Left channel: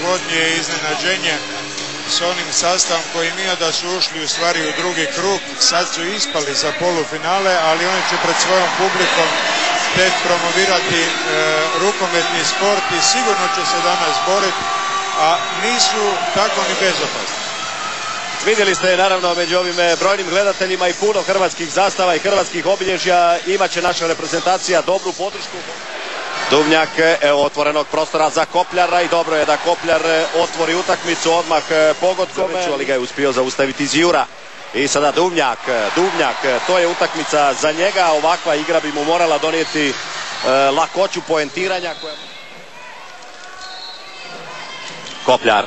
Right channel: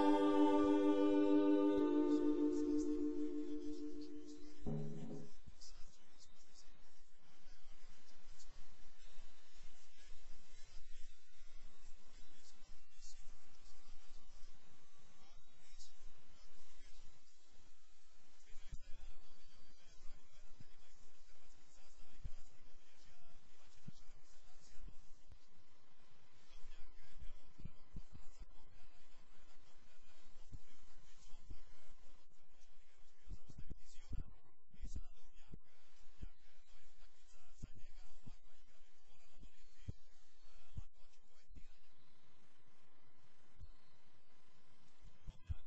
najneugodnije iznenađenje s onim sastavom koji nije da su ušli u stvari u drugi krug. Sad su ispali za polufinale, ali oni će pred svojom publikom tek promovirati rukometni sport i sigurno će se danas boriti, a nisu tako ni bezopasni. Vidjeli ste naravno među ovim brojnim gledateljima i puno hrvatskih zastava i hrvatskih obilježja. Imaće naša reprezentacija dobru podršku. Duvnjak, evo otvorenog prostora za Kopljara i dobro je da Kopljar otvori utakmicu odmah pogodkom, ali ga je uspio zaustaviti Zjura. I sada Duvnjak, to je utakmica za njega, ovakva igra bi mu morala donijeti lakoću poentiranja. Kopljar.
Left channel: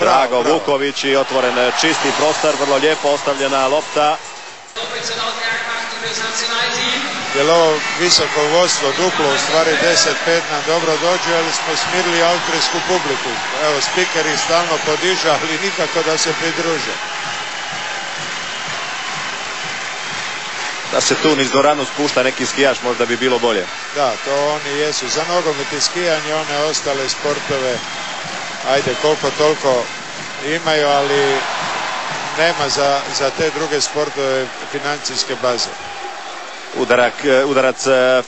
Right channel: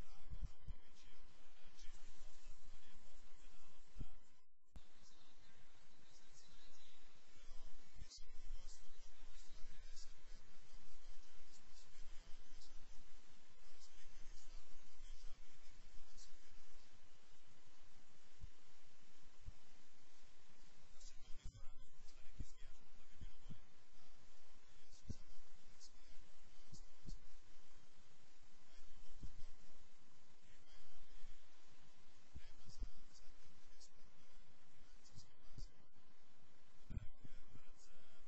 Drago Vuković i otvoren čisti prostor, vrlo lijepo ostavljena lopta. Jer ovo visoko vodstvo duplo, u stvari 10-5 nam dobro dođe, ali smo smirili austrijsku publiku. Evo, spiker ih stalno podiže, ali nikako da se pridruže. Da se tu niz dvoranu spušta neki skijaš, možda bi bilo bolje. Da, to oni jesu. Za nogomet i skijanje one ostale sportove, ajde, koliko toliko imaju, ali nema za te druge sportove financijske baze. Udarac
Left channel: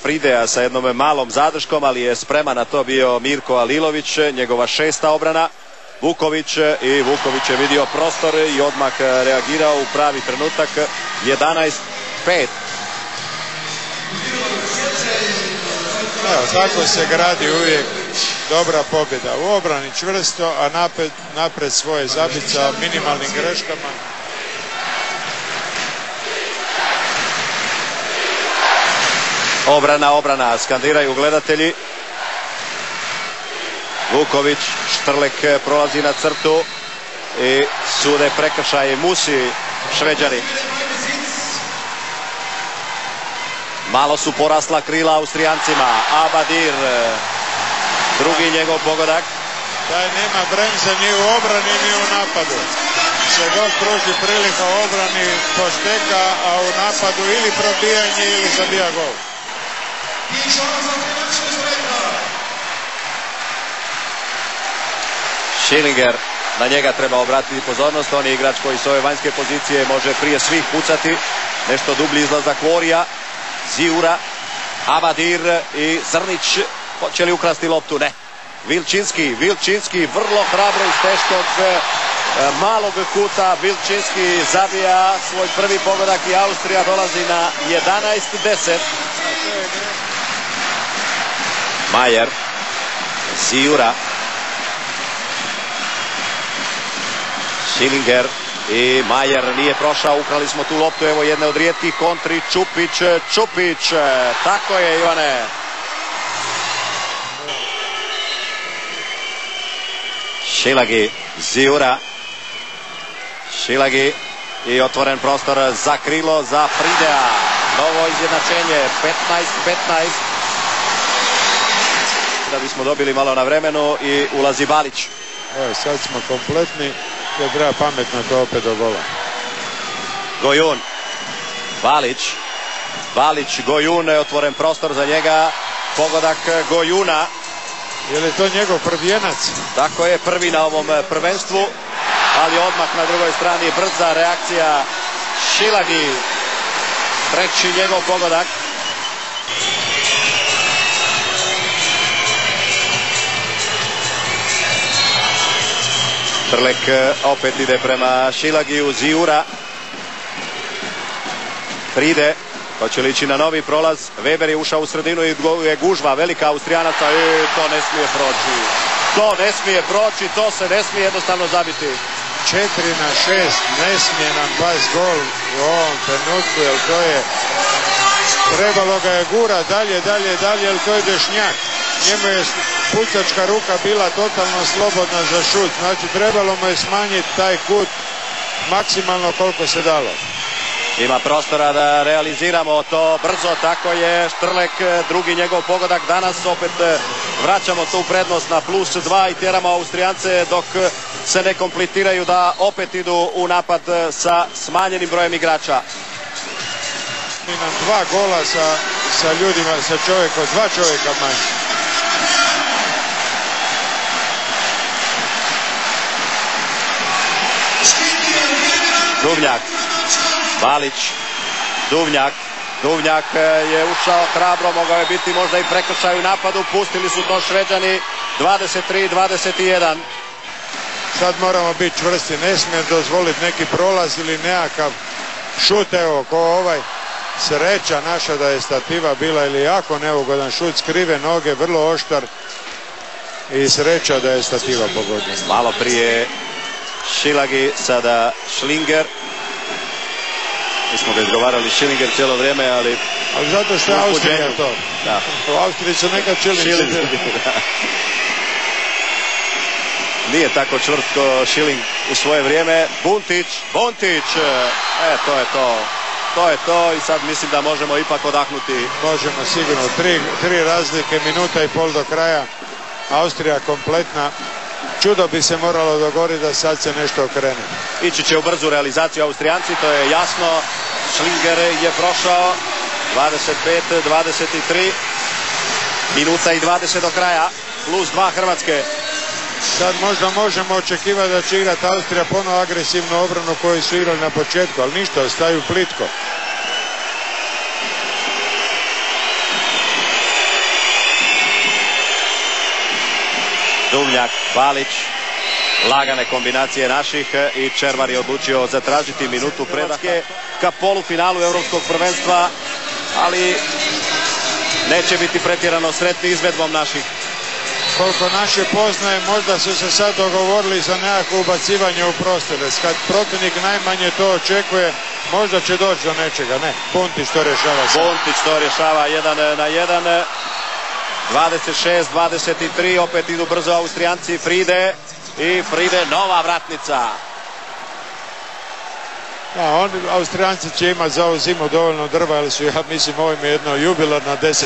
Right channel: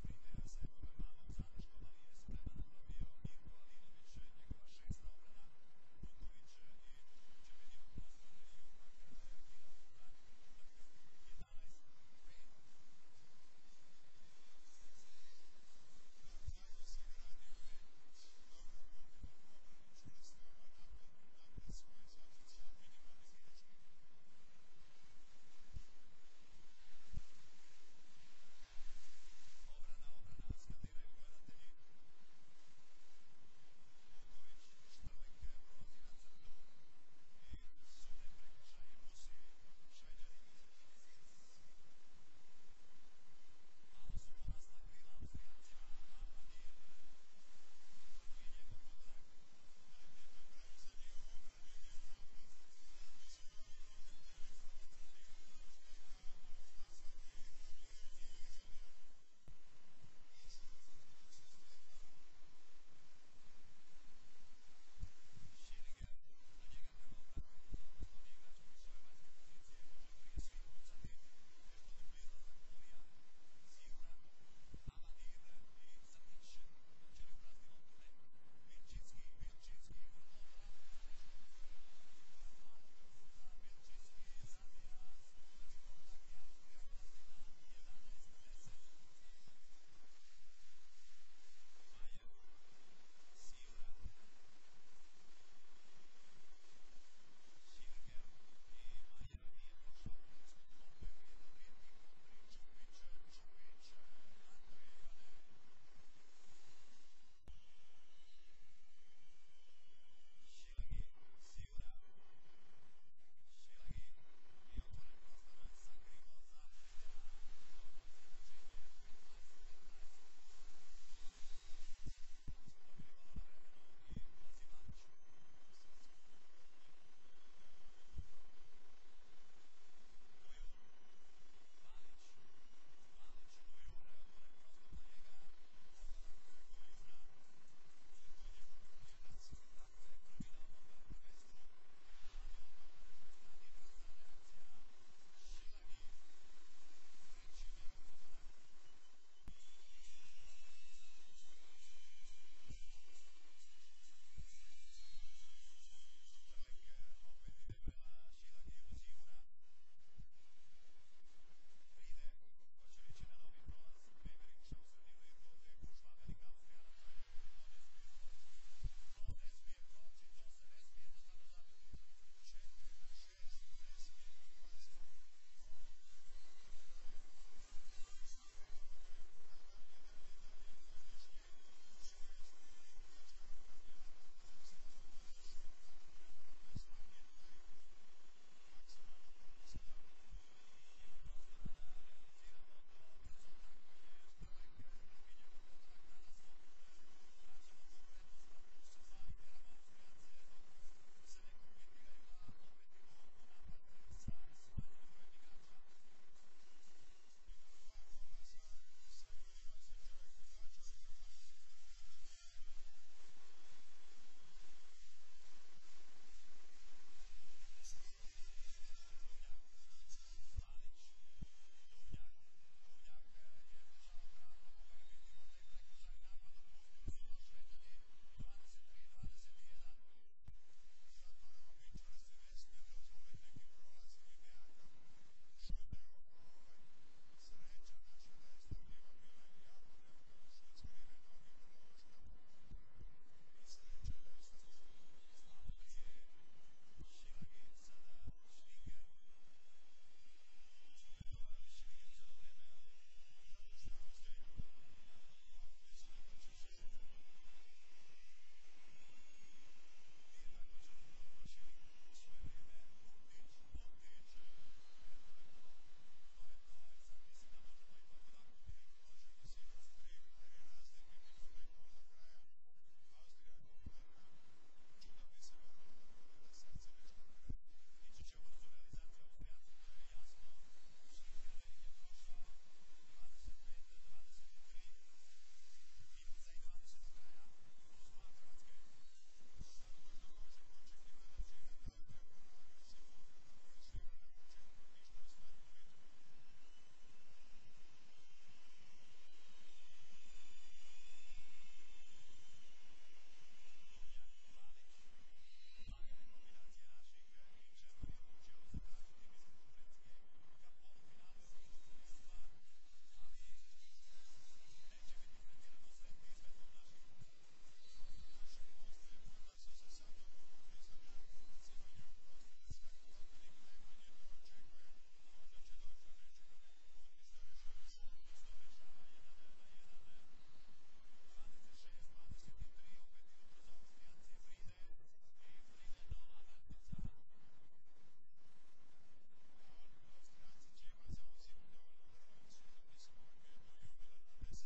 Fridea sa jednom malom zadrškom, ali je spreman na to bio Mirko Alilović, njegova 6. obrana. Vuković je vidio prostor i odmah reagirao u pravi trenutak. 11-5. Evo, tako se gradi uvijek dobra pobjeda. U obrani čvrsto, a napred svoje zabit sa minimalnim greškama. Obrana, skandiraju gledatelji. Vuković, Štrlek prolazi na crtu i sude prekršaj Musi, Šveđani. Malo su porasla krila Austrijancima. Abadir, drugi njegov pogodak. Taj nema bremze ni u obrani ni u napadu. Se god pruži prilika u obrani pošteka, a u napadu ili probijanje ili zabija gol. Schillinger, na njega treba obratiti pozornost. On je igrač koji s ove vanjske pozicije može prije svih pucati. Nešto dublji izlazak Vorija. Zjura, Abadir i Zrnić. Hoće li ukrasti loptu? Ne. Vilčinski vrlo hrabro iz teškog malog kuta. Vilčinski zabija svoj prvi pogodak i Austrija dolazi na 11-10. Majer, Zjura, Schillinger i Majer nije prošao, ukrali smo tu loptu, evo jedne od rijetkih kontri, Čupić, tako je Ivane. Šilagi, Zjura, Šilagi i otvoren prostor za krilo, za Fridea, novo izjednačenje, 15-15. Da bismo dobili malo na vremenu i ulazi Balić. Evo, sad smo kompletni, da treba pametno to opet do gola. Gojun, Balić, Gojun, otvoren prostor za njega, pogodak Gojuna. Je li to njegov prvijenac? Tako je, prvi na ovom prvenstvu, ali odmah na drugoj strani brza reakcija Šilagi, treći njegov pogodak. Štrlek opet ide prema Šilagiju, Zjura. Fride, hoće li ići na novi prolaz? Weber je ušao u sredinu i je gužva velika Austrijanaca i to ne smije proći. To se ne smije jednostavno zabiti. 4-6, ne smije nam past gol u ovom trenutku, jer to je... Trebalo ga je gura dalje, jer to je Dešnjak. Njemu je pucačka ruka bila totalno slobodna za šut. Znači, trebalo mu je smanjiti taj kut maksimalno koliko se dalo. Ima prostora da realiziramo to brzo, tako je. Štrlek, drugi njegov pogodak danas. Opet vraćamo tu prednost na +2 i tjeramo Austrijance dok se ne kompletiraju da opet idu u napad sa smanjenim brojem igrača. I nam 2 gola sa ljudima, sa čovjekom, 2 čovjeka manje. Duvnjak, Balić, Duvnjak je ušao hrabro, mogao je biti možda i prekršaj u napadu, pustili su to Šveđani, 23-21. Sad moramo biti čvrsti, ne smije dozvoliti neki prolaz ili nekakav šut, evo, ko ovaj. Sreća naša da je stativa bila ili jako neugodan šut, skrive noge, vrlo oštar i sreća da je stativa pogodila. Malo prije Šilagi, sada Šlinger. Mi smo ga izgovarali Šilinger cijelo vrijeme, ali zato što je Austrija to. Da. U Austriji su nekad Šilinci. Nije tako čvrst ko Šiling u svoje vrijeme. Bontić, to je to i sad mislim da možemo ipak odahnuti. Možemo sigurno, tri razlike, minuta i pol do kraja. Austrija kompletna. Čudo bi se moralo dogoditi da sad se nešto okrene. Ići će u brzu realizaciju Austrijanci, to je jasno. Šlinger je prošao, 25-23, minuta i 20 do kraja, plus 2 Hrvatske. Sad možda možemo očekivati da će igrati Austrija ponovo agresivnu obranu koju su igrali na početku, ali ništa, ostaju plitko. Duvnjak, Balić, lagane kombinacije naših i Červar je odlučio zatražiti minutu predake ka polufinalu Europskog prvenstva, ali neće biti pretjerano sretni izvedbom naših. Koliko naše poznaje, možda su se sad dogovorili za nekako ubacivanje u prostore. Kad protivnik najmanje to očekuje, možda će doći do nečega. Ne, Bontić to rješava. Bontić to rješava 1-1. 26-23, opet idu brzo Austrijanci, Fride nova vratnica. Austrijanci će imati za ovu zimu dovoljno drva, ali su, ja mislim, ovo im je jedno jubilarna 10.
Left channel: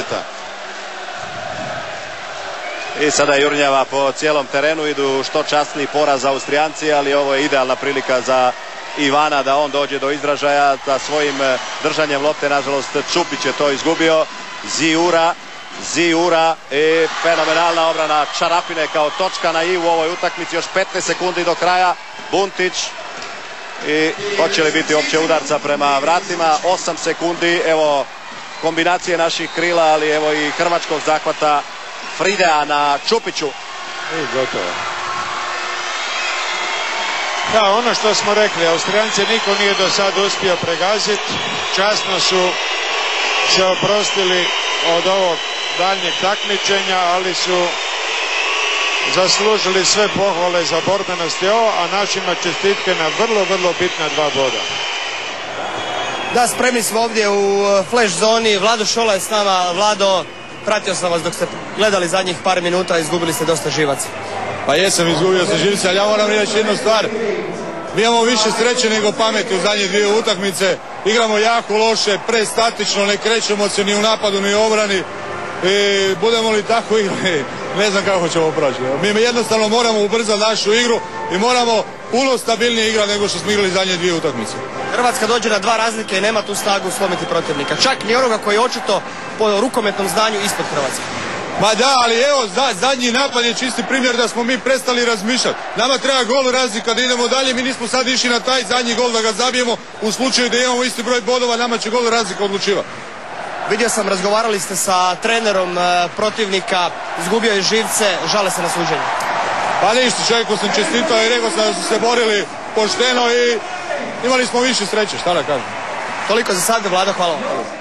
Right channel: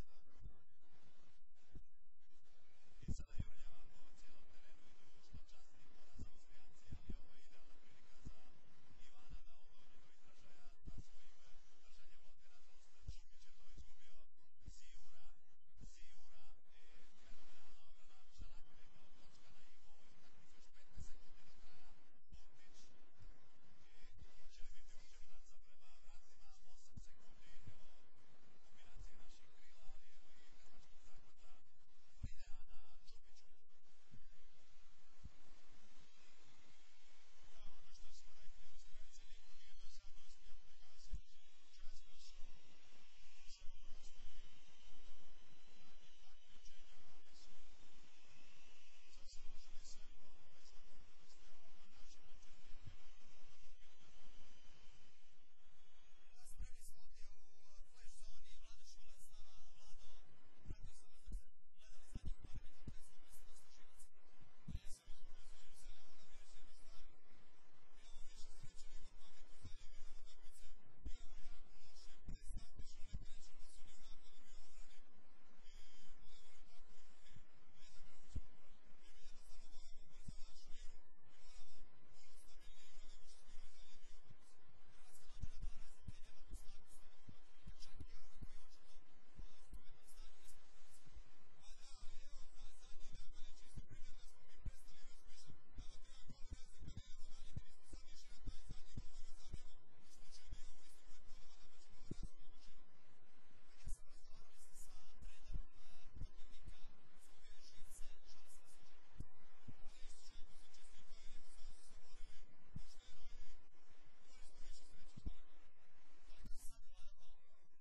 I sada jurnjava po cijelom terenu, idu što časniji poraz Austrijanci, ali ovo je idealna prilika za Ivana da on dođe do izražaja sa svojim držanjem lopte. Nažalost, Čupić je to izgubio. Ziura i fenomenalna obrana Čarapine kao točka na i u ovoj utakmici. Još 15 sekundi do kraja. Buntić i hoće li biti opće udarca prema vratima. 8 sekundi, evo kombinacije naših krila, ali evo i hrvačkog zahvata Fridea na Čupiću. I gotovo. Da, ono što smo rekli, Austrijanci niko nije do sada uspio pregaziti. Časno su se oprostili od ovog daljnjeg takmičenja, ali su zaslužili sve pohvale za borbenost i ovo, a našima čestitke na vrlo bitna 2 boda. Da, spremni smo ovdje u flash zoni. Vlado Šola je s nama. Vlado, pratio sam vas dok ste gledali zadnjih par minuta, izgubili ste dosta živaca. Pa jesam, izgubio sam živaca, ali ja moram reći jednu stvar. Mi imamo više sreće nego pameti u zadnje 2 utakmice. Igramo jako loše, prestatično, ne krećemo se ni u napadu ni u obrani. I budemo li tako igrali, ne znam kako ćemo proći. Mi jednostavno moramo ubrzati našu igru i moramo puno stabilnije igrati nego što smo igrali zadnje 2 utakmice. Hrvatska dođe na 2 razlike i nema tu snagu slomiti protivnika. Čak ni onoga koji je očito po rukometnom znanju ispod Hrvatske. Ma da, ali evo, zadnji napad je čisti primjer da smo mi prestali razmišljati. Nama treba gol razlika da idemo dalje, mi nismo sad išli na taj zadnji gol da ga zabijemo. U slučaju da imamo isti broj bodova, nama će gol razlika odlučivati. Vidio sam, razgovarali ste sa trenerom protivnika, izgubio je živce, žale se na suđenje. Pa ništa, čovjeku sam čestitao i rekao sam da su se borili pošteno i imali smo više sreće, šta da kažem. Toliko za sad, Vlado, hvala vam.